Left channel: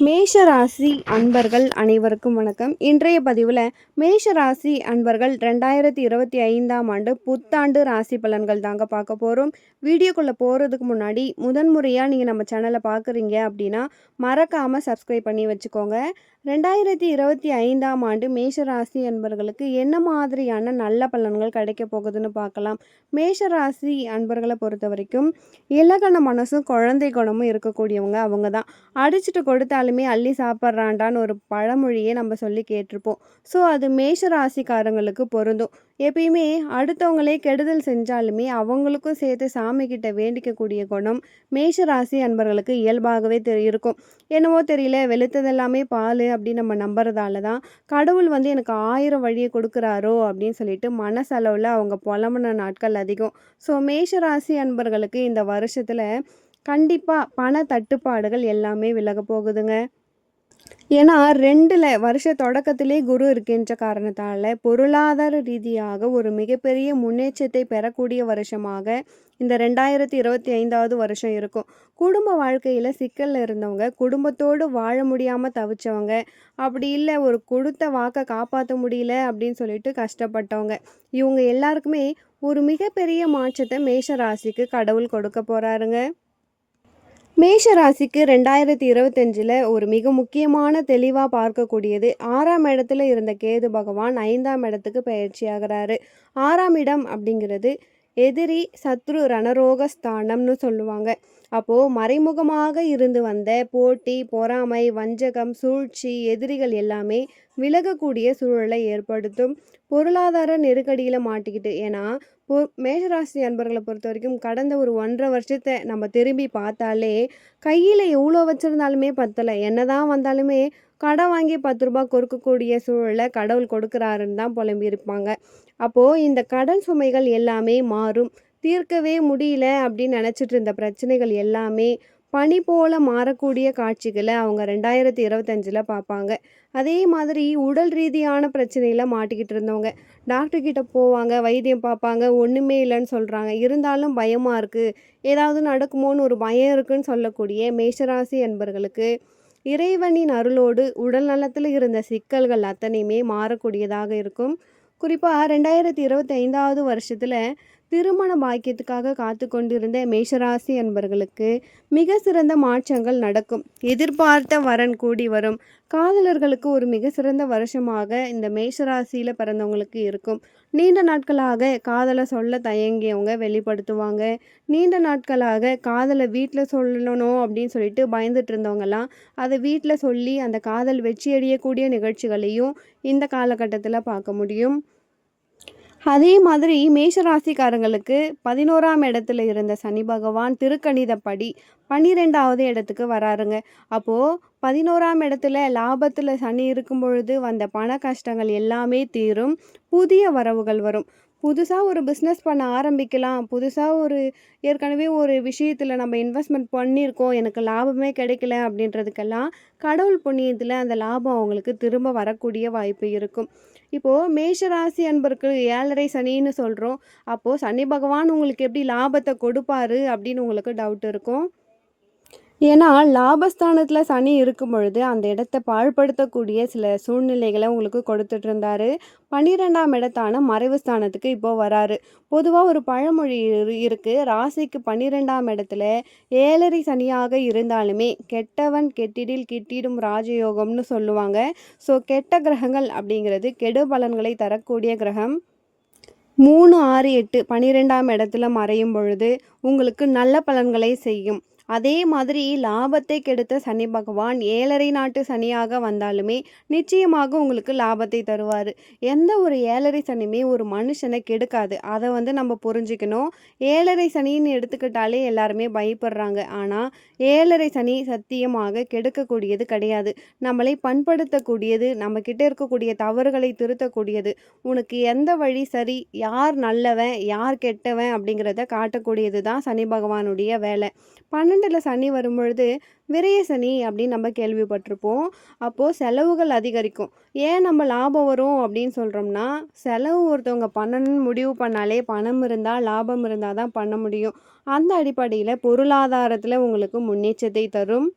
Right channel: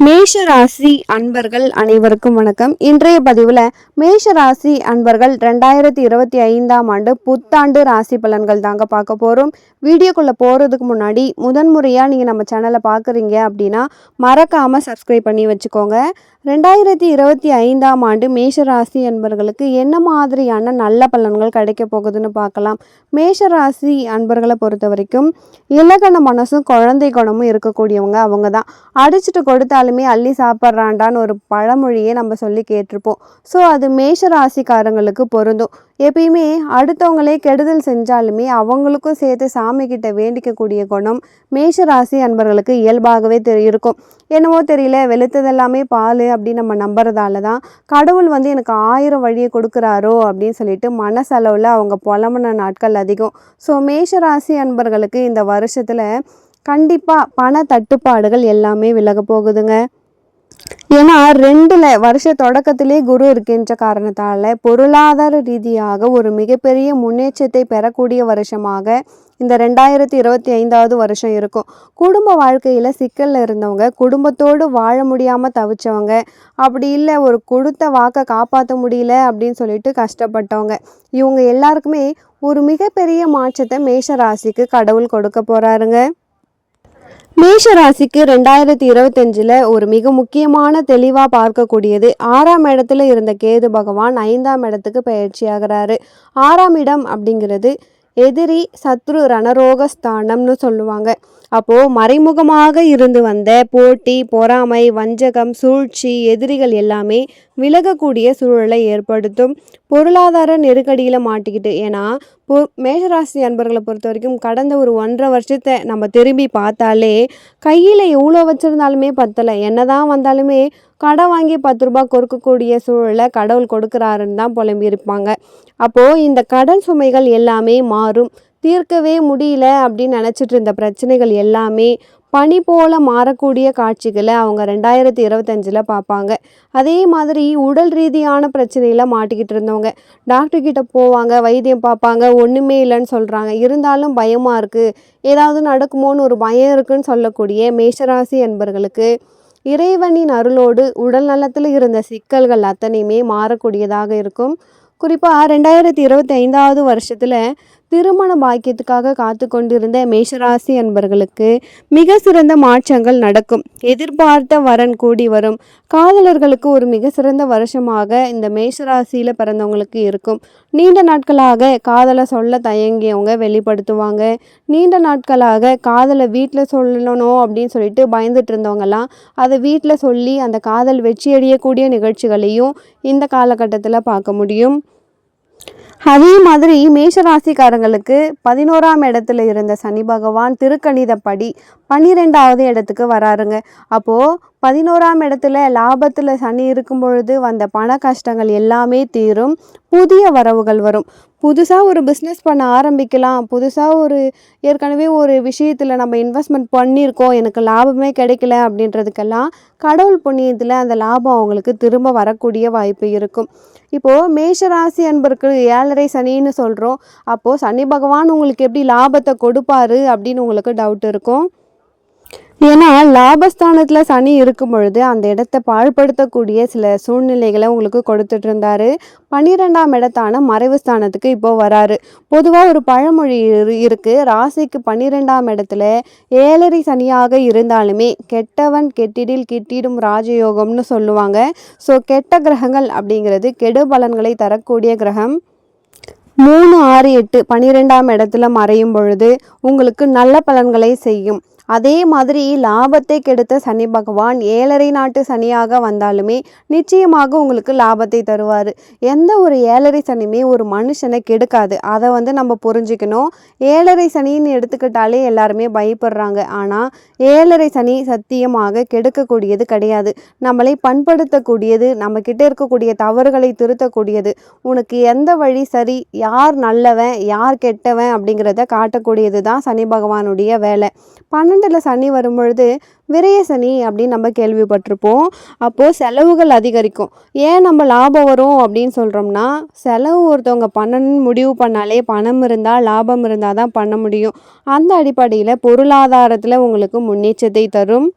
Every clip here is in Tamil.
மேஷ ராசி அன்பர்கள் அனைவருக்கும் வணக்கம். இன்றைய பதிவில் மேஷ ராசி அன்பர்கள் 2025ஆம் ஆண்டு புத்தாண்டு ராசி பலன்கள் தாங்க பார்க்க போகிறோம். வீடியோக்குள்ளே போகிறதுக்கு முன்னாடி முதன்முறையாக நீங்கள் நம்ம சேனலை பார்க்குறீங்க அப்படின்னா மறக்காமல் சப்ஸ்கிரைப் பண்ணி வச்சுக்கோங்க. 2025ஆம் ஆண்டு மேஷ ராசி அன்பர்களுக்கு என்ன மாதிரியான நல்ல பலன்கள் கிடைக்க போகுதுன்னு பார்க்கலாம். மேஷ ராசி அன்பர்களை பொறுத்த வரைக்கும் இலக்கண மனசும் குழந்தை குணமும் இருக்கக்கூடியவங்க அவங்க தான். அடிச்சுட்டு கொடுத்தாலுமே அள்ளி சாப்பிட்றாண்டான்னு ஒரு பழமொழியே நம்ம சொல்லி கேட்டிருப்போம். ஸோ அது மேஷ ராசிக்காரங்களுக்கு பொருந்தும். எப்பயுமே அடுத்தவங்களே கெடுதல் செஞ்சாலுமே அவங்களுக்கும் சேர்த்து சாமி கிட்ட வேண்டிக்கக்கூடிய குணம் மேஷ ராசி அன்பர்களுக்கு இயல்பாகவே இருக்கும். என்னவோ தெரியல, வெளுத்ததெல்லாமே பால் அப்படின்னு நம்ம நம்புறதால தான் கடவுள் எனக்கு 1000 வழியை கொடுக்குறாரோ அப்படின்னு சொல்லிட்டு மனசளவில் அவங்க புலம்புன நாட்கள் அதிகம். ஸோ மேஷ ராசி அன்பர்களுக்கு இந்த வருஷத்தில் கண்டிப்பாக பண தட்டுப்பாடுகள் எல்லாமே விலக போகுதுங்க. ஏன்னா 2ல் வருஷ தொடக்கத்திலே குரு இருக்கின்ற காரணத்தால் பொருளாதார ரீதியாக ஒரு மிகப்பெரிய முன்னேற்றத்தை பெறக்கூடிய வருஷமாக இந்த 2025ஆவது வருஷம் இருக்கும். குடும்ப வாழ்க்கையில் சிக்கலில் இருந்தவங்க, குடும்பத்தோடு வாழ முடியாமல் தவிச்சவங்க, அப்படி இல்லை ஒரு கொடுத்த வாக்கை காப்பாற்ற முடியல அப்படின்னு சொல்லிட்டு கஷ்டப்பட்டவங்க, இவங்க எல்லாருக்குமே ஒரு மிகப்பெரிய மாற்றத்தை மேஷ ராசிக்கு கடவுள் கொடுக்க போகிறாருங்க. மேஷ ராசிக்கு 2025ல் ஒரு மிக முக்கியமான தெளிவாக பார்க்கக்கூடியது 6ஆம் இடத்துல இருந்த கேது பகவான் 5ஆம் இடத்துக்கு பயிற்சி ஆகிறாரு. 6ஆம் இடம் அப்படிங்கிறது எதிரி சத்ரு ரணரோக ஸ்தானம்னு சொல்லுவாங்க. அப்போது மறைமுகமாக இருந்து வந்த போட்டி, பொறாமை, வஞ்சகம், சூழ்ச்சி, எதிரிகள் எல்லாமே விலகக்கூடிய சூழலை ஏற்படுத்தும். பொருளாதார நெருக்கடியில் மாட்டிக்கிட்டு, ஏன்னா மேஷராசி அன்பர்களை பொறுத்த வரைக்கும் கடந்த ஒரு 1.5 வருஷத்தை நம்ம திரும்பி பார்த்தாலே கையில் எவ்வளோ வச்சுருந்தாலுமே பத்தலை, என்னதான் வந்தாலுமே கடன் வாங்கி 10 ரூபாய் கொடுக்கக்கூடிய சூழலை கடவுள் கொடுக்குறாருன்னு தான் புலம்பியிருப்பாங்க. அப்போது இந்த கடன் சுமைகள் எல்லாமே மாறும். தீர்க்கவே முடியல அப்படின்னு நினச்சிட்டு இருந்த பிரச்சனைகள் எல்லாமே பனி போல மாறக்கூடிய காட்சிகளை அவங்க 2025ல் பார்ப்பாங்க. அதே மாதிரி உடல் ரீதியான பிரச்சனையில் மாட்டிக்கிட்டு இருந்தவங்க டாக்டர்கிட்ட போவாங்க, வைத்தியம் பார்ப்பாங்க, ஒன்றுமே இல்லைன்னு சொல்கிறாங்க, இருந்தாலும் பயமாக இருக்குது, ஏதாவது நடக்குமோன்னு ஒரு பயம் இருக்குன்னு சொல்லக்கூடிய மேஷராசி என்பர்களுக்கு இறைவனின் அருளோடு உடல் நலத்தில் இருந்த சிக்கல்கள் அத்தனையுமே மாறக்கூடியதாக இருக்கும். குறிப்பாக 2025ஆவது வருஷத்தில் திருமண பாக்கியத்துக்காக காத்து கொண்டிருந்த மேஷராசி அன்பர்களுக்கு மிக சிறந்த மாற்றங்கள் நடக்கும். எதிர்பார்த்த வரன் கூடி வரும். காதலர்களுக்கு ஒரு மிக சிறந்த வருஷமாக இந்த மேஷராசியில் பிறந்தவங்களுக்கு இருக்கும். நீண்ட நாட்களாக காதலை சொல்ல தயங்கியவங்க வெளிப்படுத்துவாங்க. நீண்ட நாட்களாக காதலை வீட்டில் சொல்லணும் அப்படின்னு சொல்லிட்டு பயந்துட்டு இருந்தவங்கலாம் அதை வீட்டில் சொல்லி அந்த காதல் வெற்றியடையக்கூடிய நிகழ்ச்சிகளையும் இந்த காலகட்டத்தில் பார்க்க முடியும். அதே மாதிரி மேஷராசிக்காரங்களுக்கு 11ஆம் இடத்துல இருந்த சனி பகவான் திருக்கணிதப்படி 12ஆவது இடத்துக்கு வராருங்க. அப்போது 11ஆம் இடத்துல லாபத்தில் சனி இருக்கும் பொழுது வந்த பண கஷ்டங்கள் எல்லாமே தீரும். புதிய வரவுகள் வரும். புதுசாக ஒரு பிஸ்னஸ் பண்ண ஆரம்பிக்கலாம், புதுசாக ஏற்கனவே ஒரு விஷயத்தில் நம்ம இன்வெஸ்ட்மெண்ட் பண்ணியிருக்கோம், எனக்கு லாபமே கிடைக்கல அப்படின்றதுக்கெல்லாம் கடவுள் புண்ணியத்தில் அந்த லாபம் அவங்களுக்கு திரும்ப வரக்கூடிய வாய்ப்பு இருக்கும். இப்போது மேஷராசி அன்பருக்கு 7.5 சனின்னு சொல்கிறோம். அப்போது சனி பகவான் உங்களுக்கு எப்படி லாபத்தை கொடுப்பாரு அப்படின்னு உங்களுக்கு டவுட் இருக்கும். ஏன்னா லாபஸ்தானத்தில் சனி இருக்கும் பொழுது அந்த இடத்த பாழ்படுத்தக்கூடிய சில சூழ்நிலைகளை உங்களுக்கு கொடுத்துட்டு இருந்தாரு. 12ஆம் இடத்தான மறைவு ஸ்தானத்துக்கு இப்போ வராரு. பொதுவாக ஒரு பழமொழி இருக்குது, ராசிக்கு 12ஆம் இடத்துல 7.5 சனியாக இருந்தாலுமே கெட்டவன் கெட்டிடில் கிட்டிடும் ராஜயோகம்னு சொல்லுவாங்க. ஸோ கெட்ட கிரகங்கள் அப்படிங்கிறது கெடு பலன்களை தரக்கூடிய கிரகம். 3, 6, 8 12ஆம் இடத்துல மறையும் பொழுது உங்களுக்கு நல்ல பலன்களை செய்யும். அதே மாதிரி லாபத்தை கெடுத்த சனி பகவான் 7.5 நாட்டு சனியாக வந்தாலுமே நிச்சயமாக உங்களுக்கு லாபத்தை தருவார். எந்த ஒரு 7.5 சனியுமே ஒரு மனுஷனை கெடுக்காது, அதை நம்ம புரிஞ்சுக்கணும். 7.5 சனின்னு எடுத்துக்கிட்டாலே எல்லாருமே பயப்படுறாங்க. ஆனால் 7.5 சனி சத்தியமாக கெடுக்கக்கூடியது கிடையாது. நம்மளை பண்படுத்தக்கூடியது, நம்மக்கிட்ட இருக்கக்கூடிய தவறுகளை திருத்தக்கூடியது. உனக்கு எந்த வழி சரி, யார் நல்லவன் யார் கெட்டவன் அப்படிங்கிறத காட்டக்கூடியது தான் சனி பகவானுடைய வேலை. 12ல் சனி வரும்பொழுது விரய சனி அப்படின்னு நம்ம கேள்விப்பட்டிருப்போம். அப்போது செலவுகள் அதிகரிக்கும். ஏன் நம்ம லாபம் வரும் அப்படின்னு சொல்கிறோம்னா, செலவு ஒருத்தவங்க பண்ணணும்னு முடிவு பண்ணாலே பணம் இருந்தால் லாபம் இருந்தால் தான் பண்ண முடியும். அந்த அடிப்படையில் பொருளாதாரத்தில் உங்களுக்கு முன்னேற்றத்தை தரும்.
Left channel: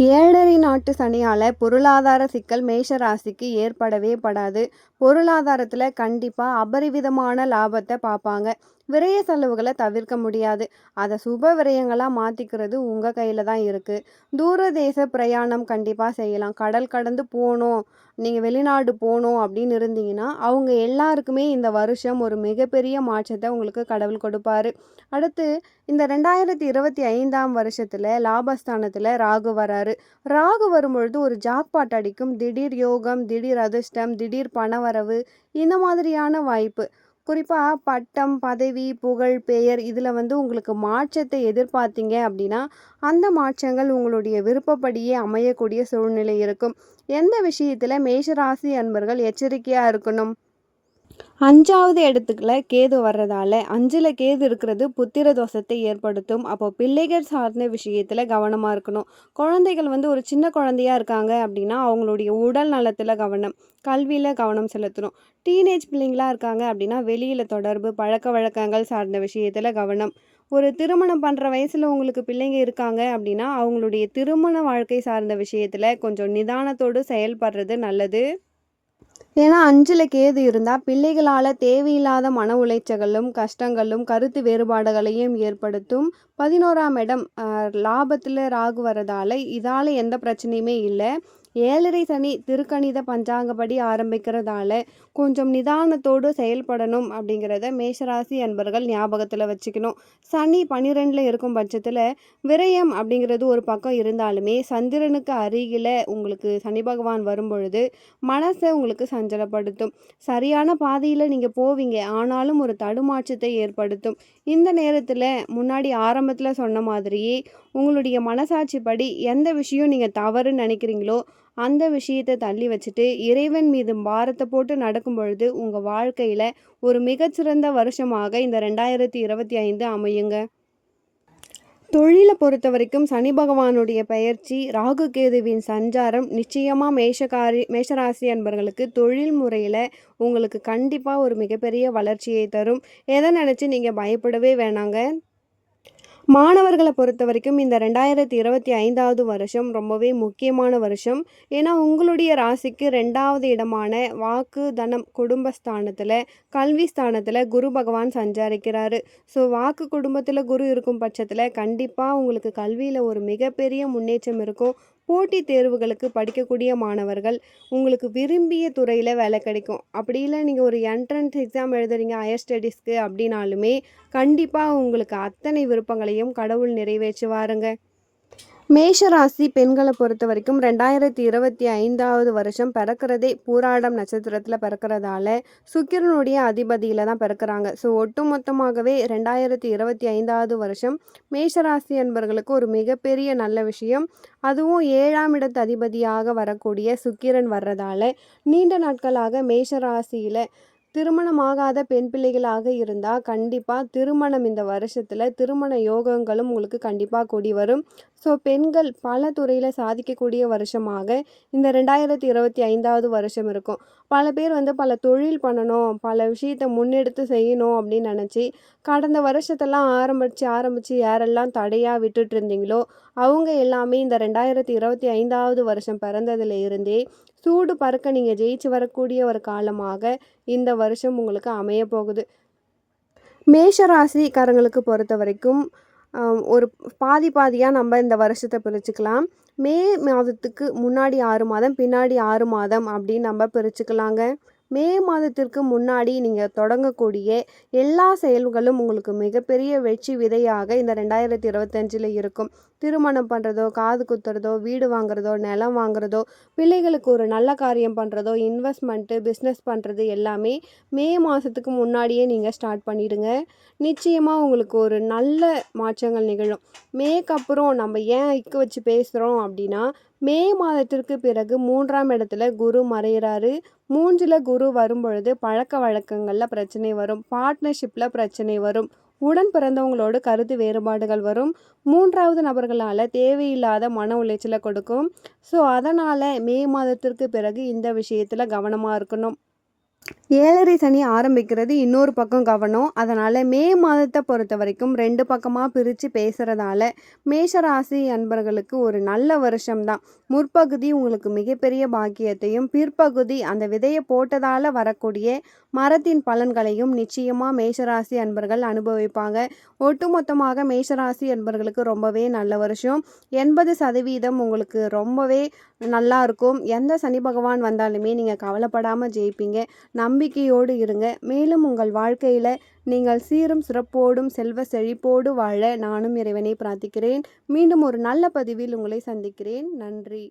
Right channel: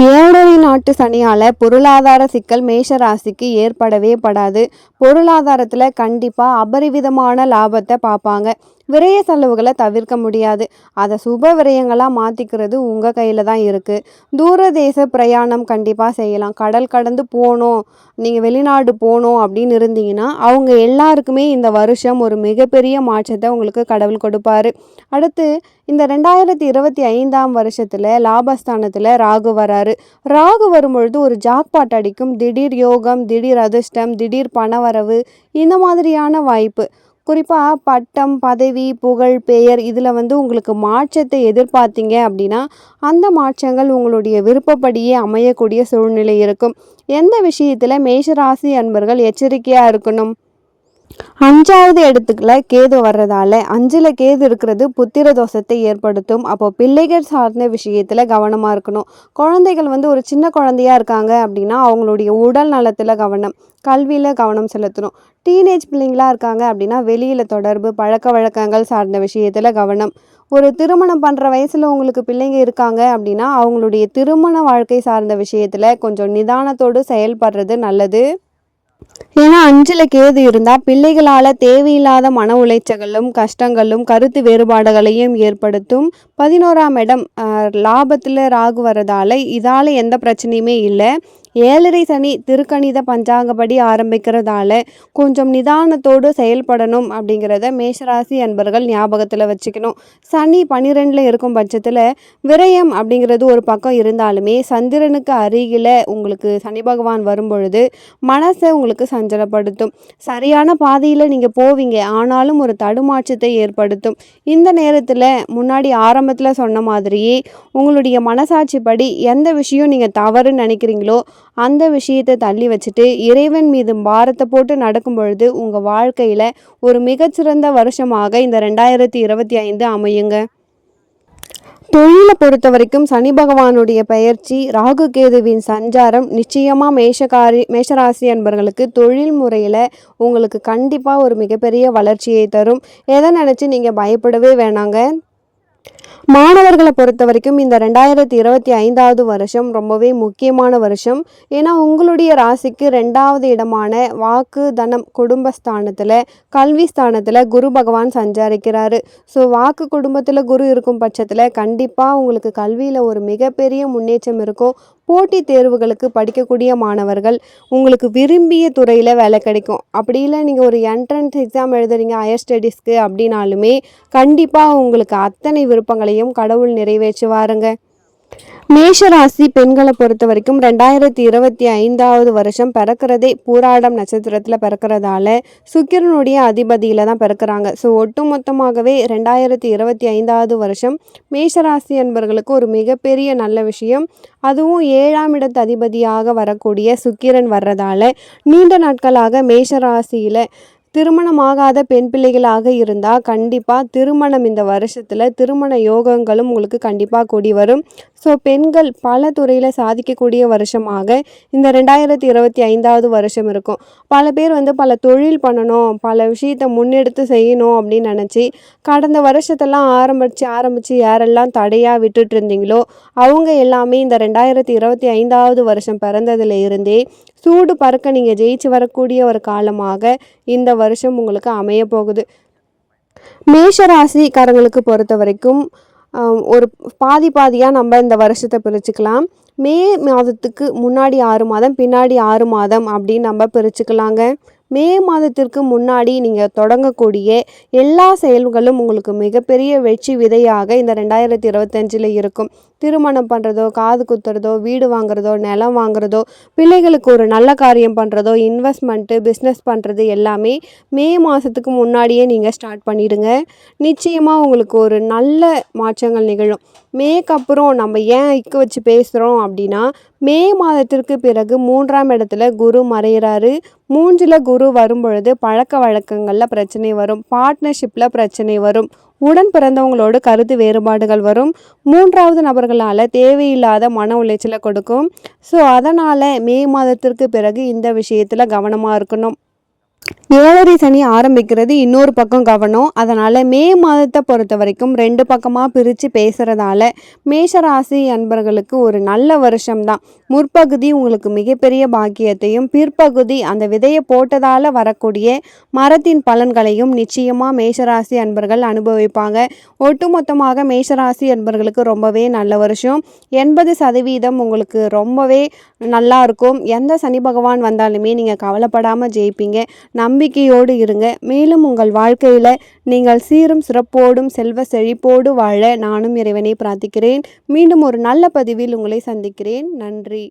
7.5 நாட்டு சனியால் பொருளாதார சிக்கல் மேஷ ராசிக்கு ஏற்படவே படாது. பொருளாதாரத்தில் கண்டிப்பாக அபரிவிதமான லாபத்தை பார்ப்பாங்க. விரய செலவுகளை தவிர்க்க முடியாது. அதை சுப விரயங்களாக மாற்றிக்கிறது உங்கள் கையில் தான் இருக்குது. தூரதேச பிரயாணம் கண்டிப்பாக செய்யலாம். கடல் கடந்து போகணும், நீங்கள் வெளிநாடு போகணும் அப்படின்னு இருந்தீங்கன்னா அவங்க எல்லாருக்குமே இந்த வருஷம் ஒரு மிகப்பெரிய மாற்றத்தை உங்களுக்கு கடவுள் கொடுப்பாரு. அடுத்து இந்த 2025ஆம் வருஷத்தில் லாபஸ்தானத்தில் ராகு வராரு. ராகு வரும்பொழுது ஒரு ஜாக்பாட் அடிக்கும். திடீர் யோகம், திடீர் அதிர்ஷ்டம், திடீர் பணவரவு, இந்த மாதிரியான வாய்ப்பு. குறிப்பாக பட்டம், பதவி, புகழ், பெயர் இதில் உங்களுக்கு மாற்றத்தை எதிர்பார்த்தீங்க அப்படின்னா அந்த மாற்றங்கள் உங்களுடைய விருப்பப்படியே அமையக்கூடிய சூழ்நிலை இருக்கும். எந்த விஷயத்தில் மேஷராசி அன்பர்கள் எச்சரிக்கையாக இருக்கணும்? 5வது இடத்துக்குள்ள கேது வர்றதால 5ல் கேது இருக்கிறது புத்திர தோஷத்தை ஏற்படுத்தும். அப்போ பிள்ளைகள் சார்ந்த விஷயத்தில் கவனமாக இருக்கணும். குழந்தைகள் ஒரு சின்ன குழந்தையா இருக்காங்க அப்படின்னா அவங்களுடைய உடல் நலத்தில் கவனம், கல்வியில் கவனம் செலுத்தணும். டீனேஜ் பிள்ளைங்களா இருக்காங்க அப்படின்னா வெளியில் தொடர்பு, பழக்க வழக்கங்கள் சார்ந்த விஷயத்தில் கவனம். ஒரு திருமணம் பண்ணுற வயசில் உங்களுக்கு பிள்ளைங்க இருக்காங்க அப்படின்னா அவங்களுடைய திருமண வாழ்க்கை சார்ந்த விஷயத்தில் கொஞ்சம் நிதானத்தோடு செயல்படுறது நல்லது. ஏன்னா 5ல் கேது இருந்தால் பிள்ளைகளால் தேவையில்லாத மன உளைச்சல்களும் கஷ்டங்களும் கருத்து வேறுபாடுகளையும் ஏற்படுத்தும். 11ஆம் இடம் லாபத்தில் ராகு வரதால இதால் எந்த பிரச்சனையுமே இல்லை. 7.5 சனி திருக்கணித பஞ்சாங்கப்படி ஆரம்பிக்கிறதால கொஞ்சம் நிதானத்தோடு செயல்படணும் அப்படிங்கிறத மேஷராசி அன்பர்கள் ஞாபகத்தில் வச்சுக்கணும். சனி 12ல் இருக்கும் பட்சத்தில் விரயம் அப்படிங்கிறது ஒரு பக்கம் இருந்தாலுமே சந்திரனுக்கு அருகில் உங்களுக்கு சனி பகவான் வரும்பொழுது மனசை உங்களுக்கு சஞ்சலப்படுத்தும். சரியான பாதையில் நீங்கள் போவீங்க, ஆனாலும் ஒரு தடுமாற்றத்தை ஏற்படுத்தும். இந்த நேரத்தில் முன்னாடி ஆரம்பத்தில் சொன்ன மாதிரியே உங்களுடைய மனசாட்சிப்படி எந்த விஷயம் நீங்கள் தவறுன்னு நினைக்கிறீங்களோ அந்த விஷயத்தை தள்ளி வச்சுட்டு இறைவன் மீது பாரத்தை போட்டு நடக்கும் பொழுது உங்கள் வாழ்க்கையில் ஒரு மிகச்சிறந்த வருஷமாக இந்த 2025 அமையுங்க. தொழிலை பொறுத்த வரைக்கும் சனி பகவானுடைய பெயர்ச்சி, ராகு கேதுவின் சஞ்சாரம் நிச்சயமாக மேஷராசி அன்பர்களுக்கு தொழில் முறையில் உங்களுக்கு கண்டிப்பாக ஒரு மிகப்பெரிய வளர்ச்சியை தரும். எதை நினச்சி நீங்கள் பயப்படவே வேணாங்க. மாணவர்களை பொறுத்த வரைக்கும் இந்த 2025வது வருஷம் ரொம்பவே முக்கியமான வருஷம். ஏன்னா உங்களுடைய ராசிக்கு 2வது இடமான வாக்கு, தனம், குடும்பஸ்தானத்தில், கல்வி ஸ்தானத்தில் குரு பகவான் சஞ்சாரிக்கிறாரு. ஸோ வாக்கு குடும்பத்தில் குரு இருக்கும் பட்சத்தில் கண்டிப்பாக உங்களுக்கு கல்வியில் ஒரு மிகப்பெரிய முன்னேற்றம் இருக்கும். போட்டித் தேர்வுகளுக்கு படிக்கக்கூடிய மாணவர்கள் உங்களுக்கு விரும்பிய துறையில் வேலை கிடைக்கும். அப்படி இல்லை நீங்கள் ஒரு என்ட்ரன்ஸ் எக்ஸாம் எழுதுறீங்க ஹையர் ஸ்டடீஸ்க்கு அப்படின்னாலுமே கண்டிப்பாக உங்களுக்கு அத்தனை விருப்பங்களையும் கடவுள் நிறைவேற்றுவாருங்க. மேஷராசி பெண்களை பொறுத்த வரைக்கும் 2025வது வருஷம் பிறக்கிறதே பூராடம் நட்சத்திரத்தில் பிறக்கிறதால சுக்கிரனுடைய அதிபதியில் தான் பிறக்கிறாங்க. ஸோ ஒட்டுமொத்தமாகவே 2025வது வருஷம் மேஷராசி என்பவர்களுக்கு ஒரு மிகப்பெரிய நல்ல விஷயம். அதுவும் 7ஆம் இடத்து அதிபதியாக வரக்கூடிய சுக்கிரன் வர்றதால நீண்ட நாட்களாக மேஷராசியில் திருமணமாகாத பெண் பிள்ளைகளாக இருந்தால் கண்டிப்பாக திருமணம் இந்த வருஷத்தில் திருமண யோகங்களும் உங்களுக்கு கண்டிப்பாக கூடி வரும். ஸோ பெண்கள் பல துறையில் சாதிக்கக்கூடிய வருஷமாக இந்த 2025வது வருஷம் இருக்கும். பல பேர் பல தொழில் பண்ணணும், பல விஷயத்தை முன்னெடுத்து செய்யணும் அப்படின்னு நினச்சி கடந்த வருஷத்தெல்லாம் ஆரம்பித்து யாரெல்லாம் தடையாக விட்டுட்டு இருந்தீங்களோ அவங்க எல்லாமே இந்த 2025வது வருஷம் பிறந்ததுல இருந்தே சூடு பறக்க நீங்கள் ஜெயிச்சு வரக்கூடிய ஒரு காலமாக இந்த வருஷம் உங்களுக்கு அமைய போகுது. மேஷராசிக்காரங்களுக்கு பொறுத்த வரைக்கும் ஒரு பாதியாக நம்ம இந்த வருஷத்தை பிரிச்சுக்கலாம். மே மாதத்துக்கு முன்னாடி 6 மாதம், பின்னாடி 6 மாதம் அப்படின்னு நம்ம பிரிச்சுக்கலாங்க. மே மாதத்திற்கு முன்னாடி நீங்கள் தொடங்கக்கூடிய எல்லா செயல்களும் உங்களுக்கு மிகப்பெரிய வெற்றி விதையாக இந்த 2025ல் இருக்கும். திருமணம் பண்ணுறதோ, காது குத்துறதோ, வீடு வாங்குறதோ, நிலம் வாங்குறதோ, பிள்ளைகளுக்கு ஒரு நல்ல காரியம் பண்ணுறதோ, இன்வெஸ்ட்மெண்ட்டு, பிஸ்னஸ் பண்ணுறது எல்லாமே மே மாதத்துக்கு முன்னாடியே நீங்கள் ஸ்டார்ட் பண்ணிவிடுங்க. நிச்சயமாக உங்களுக்கு ஒரு நல்ல மாற்றங்கள் நிகழும். மேக்கு அப்புறம் நம்ம ஏன் இக்கு வச்சு பேசுகிறோம் அப்படின்னா மே மாதத்திற்கு பிறகு 3ஆம் இடத்துல குரு மறைகிறாரு. 3ல் குரு வரும்பொழுது பழக்க வழக்கங்களில் பிரச்சனை வரும், பார்ட்னர்ஷிப்பில் பிரச்சனை வரும், உடன் பிறந்தவங்களோடு கருத்து வேறுபாடுகள் வரும், 3வது நபர்களால் தேவையில்லாத மன உளைச்சலை கொடுக்கும். ஸோ அதனால் மே மாதத்திற்கு பிறகு இந்த விஷயத்தில் கவனமாக இருக்கணும். ஏழரை சனி ஆரம்பிக்கிறது இன்னொரு பக்கம் கவனம். அதனால் மே மாதத்தை பொறுத்த வரைக்கும் 2 பக்கமாக பிரித்து பேசுகிறதால மேஷராசி அன்பர்களுக்கு ஒரு நல்ல வருஷம்தான். முற்பகுதி உங்களுக்கு மிகப்பெரிய பாக்கியத்தையும், பிற்பகுதி அந்த விதையை போட்டதால் வரக்கூடிய மரத்தின் பலன்களையும் நிச்சயமாக மேஷராசி அன்பர்கள் அனுபவிப்பாங்க. ஒட்டுமொத்தமாக மேஷராசி அன்பர்களுக்கு ரொம்பவே நல்ல வருஷம். 80% உங்களுக்கு ரொம்பவே நல்லா இருக்கும். எந்த சனி பகவான் வந்தாலுமே நீங்கள் கவலைப்படாமல் ஜெயிப்பீங்க. நம்பிக்கையோடு இருங்க. மேலும் உங்கள் வாழ்க்கையில் நீங்கள் சீரும் சிறப்போடும் செல்வ செழிப்போடு வாழ நானும் இறைவனை பிரார்த்திக்கிறேன். மீண்டும் ஒரு நல்ல பதிவில் உங்களை சந்திக்கிறேன். நன்றி.